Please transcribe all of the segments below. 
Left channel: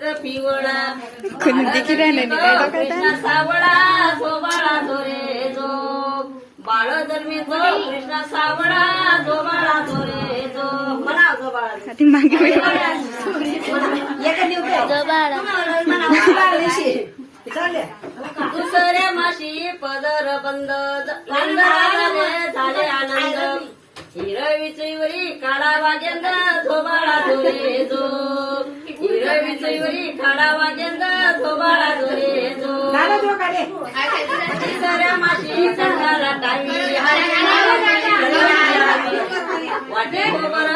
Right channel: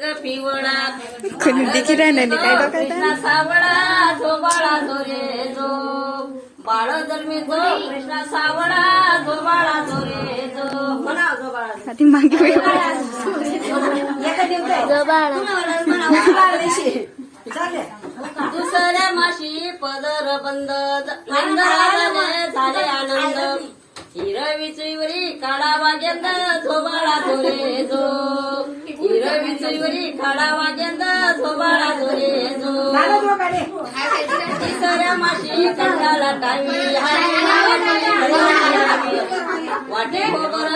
रंग पिवळा नदीची राहण्याने काय कृष्णा बघा सावळा जो बाळा जो रे जो बाळ जन्मी जो कृष्णा सावळा जो बाळा जो रे जो म्हणा जो बाळा ती मागे दुसऱ्या माशी पदर बंद नंदराजाने झाले आनंद हिरवी काढा वाजंद झोबाळा झोरे जो हिरवी काढा वाजंद झोबाळा झोरे जो तिसऱ्या माशी कंडाला टाळी वाटे खोबर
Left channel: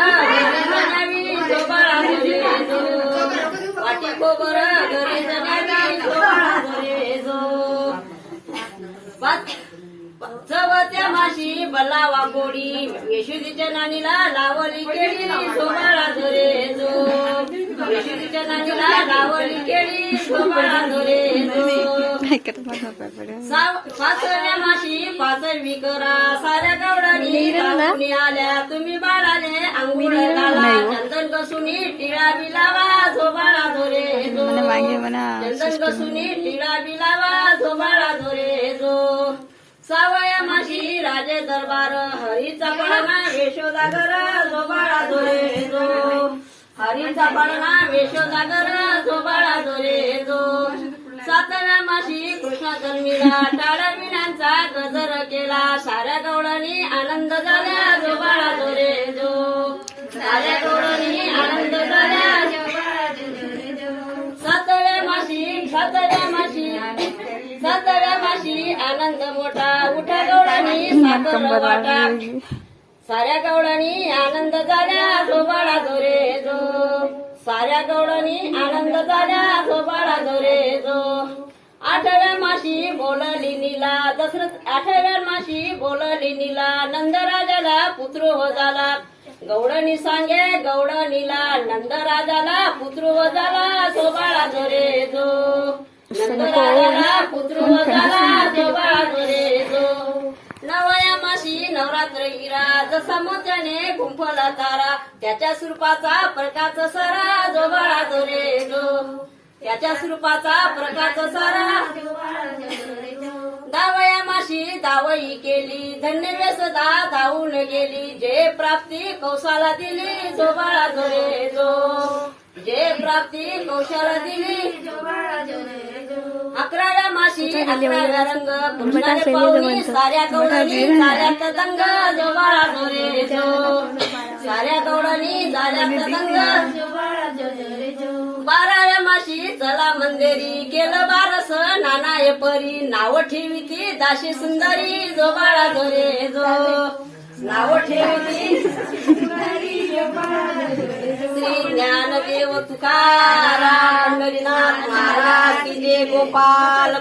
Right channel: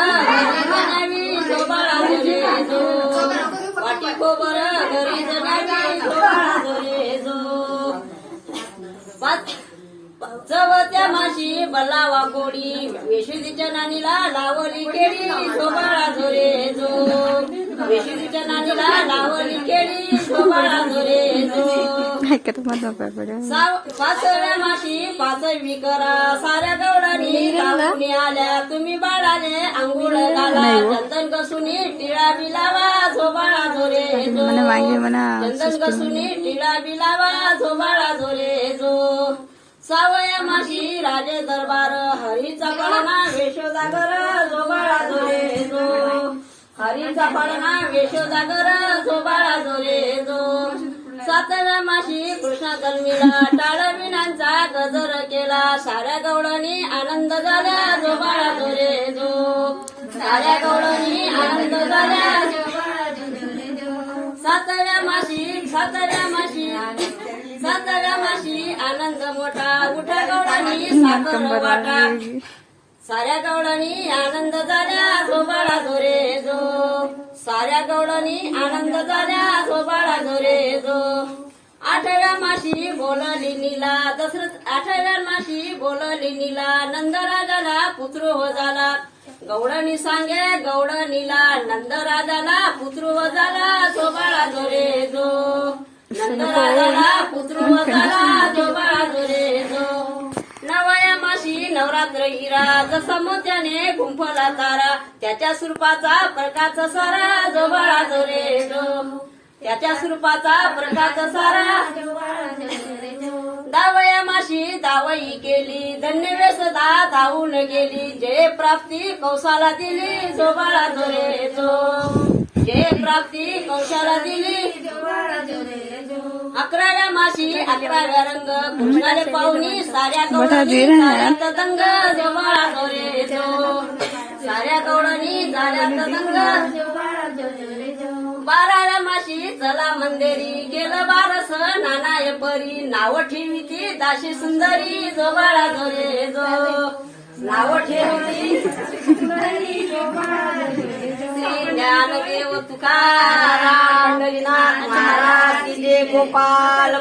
घरी झोबाळा झोरे जो वाटे खोबर घरी जनावी झोबाळा झोरे जो चवत्या माशी बल्लावा गोडी येशुदीच्या नानीला लावली केळी झोबाळा झोरे जो येशुदीच्या नानीला लावली केळी झोबाळा झोरे जो पाचव्या माशी पाचवी करा साऱ्या गवडानी राहुनी आल्या तुम्ही बाळाने अंघोळ घाला चंदन कसूनी टिळा बिलावा झोबाळा झोरे जो चंदन कसूनी टिळा बिलावा झोबाळा झोरे जो सावया माशी राजे दरबार हरीचा पडना वेशोदागर झोबाळा झोरे जो हरीचा पडना वेशोदागर झोबाळा झोरे जो सातव्या माशी कृष्णा जन्मीला टाळ्या विण्यांचा गजर केला साऱ्या गवळणी आनंद झाल्या झोबाळा झोरे जो साऱ्या गवळणी आनंद झाल्या झोबाळा झोरे जो सातव्या माशी आनंद मोठा उठ्या गवळणी साखर वाटा साऱ्या गवळणी आनंद झाल्या झोबाळा झोरे जो साऱ्या गवळणी आनंद झाल्या झोबाळा झोरे जो आठव्या माशी बोलली नीला दशरथ आठव्या माशी बोलली नीला नंदराजाला पुत्र हो झाला गौडणी सांगे गौडणीला नंदराजाला पुत्र हो झाला झोबाळा झोरे जो नंदराजाला पुत्र हो झाला झोबाळा झोरे जो नवया माशी नवरात्र हिरा जसा मोत्याने गुंफला तारा त्याच्या स्वरूपाचा प्रकाश सारा झोबाळा झोरे जो त्याच्या स्वरूपाचा प्रकाश सारा दावया माशी दावई केली धन्य वेसदा धावून गेली जय प्राप्ती कौशाला दिली झोबाळा झोरे जो जय प्राप्ती कौशाला दिली अकराव्या माशी 11व्या रंग कृष्णाने पाहुणी साऱ्या गवळणी साऱ्या तदंग झोबाळा झोरे जो साऱ्या गवळणी साऱ्या तदंग 12व्या माशी चला मंदिरी केलं बारस नानाय परी नाव ठेवी ती दाशी सुंदरी झोबाळा झोरे जो नाव ठेवी श्री ज्ञानदेव तुकाराम पंढरीनाथ महाराज की जय गोपाल